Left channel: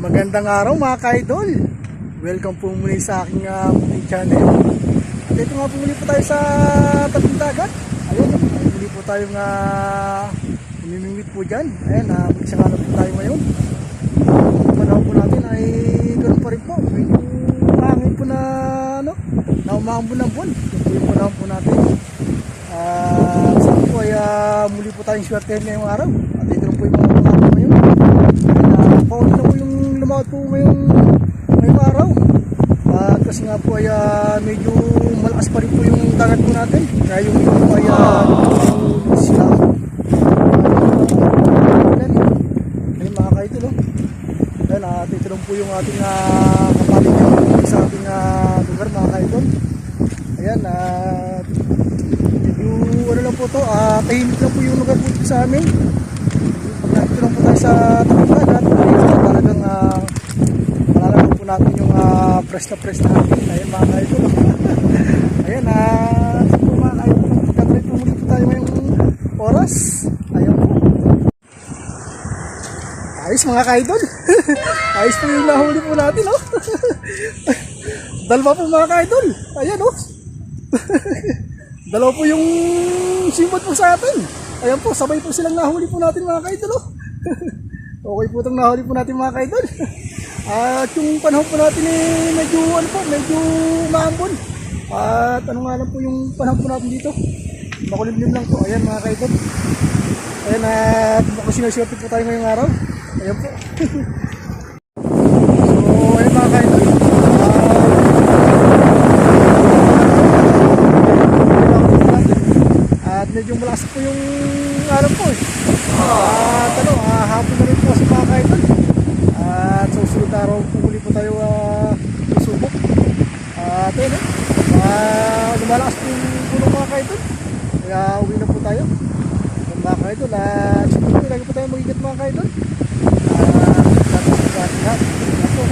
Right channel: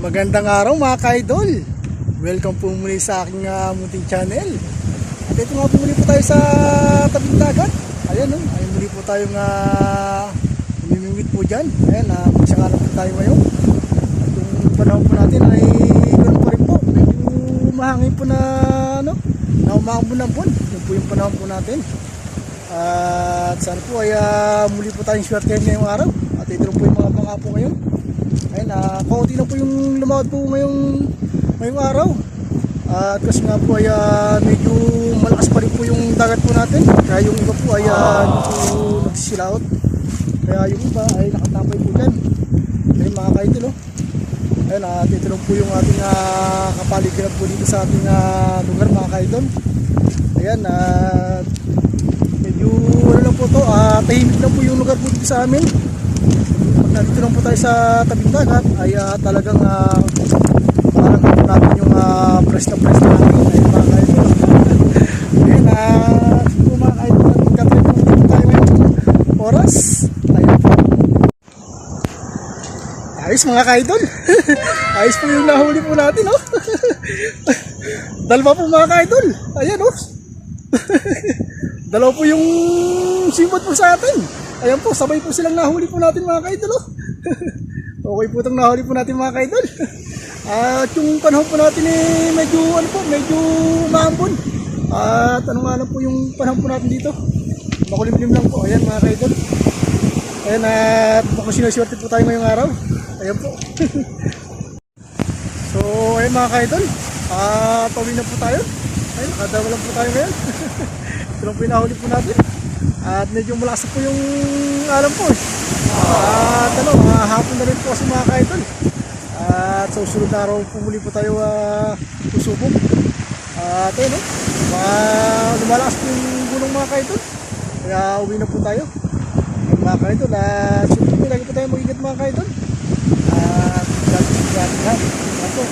Magandang araw mga ka-idol. Welcome po muli sa aking munting channel. At ito nga po muli po tayo sa tabing dagat. Ayan ay muli po tayong umimingwit po dyan. Ayan, magsakalan po tayo ngayon. Ang panahon po natin ay ganoon pa rin po. Medyo mahangin po na umahambon ng buwan. Yun po yung panahon po natin. At saan po ay muli po tayong swertehan ngayong araw. At ito lang po yung mga pangako ngayon. Ayan, kaunti na po yung lumawad po ngayong araw. At kasi nga po ay medyo malakas pa rin po yung dagat po natin. Kaya yung iba po ay nagsisilaot. Kaya yung yan. Ayan mga ka-idol Ayan, at ito lang po yung ating kapaligiran po dito sa ating lugar mga ka-idol. Ayan, medyo ano lang po to, tahimik lang po yung lugar po dito sa amin. Pag nandito lang po tayo sa tabing dagat ay talagang parang po natin yung press na natin. Ayan mga ka-idol. Ayan, po mga ka-idol, nagkatry po dito tayo ngayong oras. Ayan po. Ayos mga ka-idol. Ayos po yung nahuli po natin Dalawa po mga ka-idol. Ayan Dalawa po yung simbot po sa atin. Ayan po, sabay po silang nahuli po natin mga ka-idol Okay po itong nahuli po natin mga ka-idol. At yung panahon po natin medyo maambon. At ano nga lang po yung panahon po natin dito, makulimlim lang po. Ayan mga ka-idol. Ayan, at baka sinaswerte po tayo ngayong araw. Ayan po. So ayan mga ka-idol, pumili po tayo. At medyo malakas po yung alam po At hapon na rin po kasi mga ka-idol. At sa susunod na araw po muli po tayo susubok. At ayun lumalakas po yung gulong mga ka-idol. Kaya uwi na po tayo mga ka-idol. At siyempre lagi po tayo mag-ingat mga ka-idol. At lahat po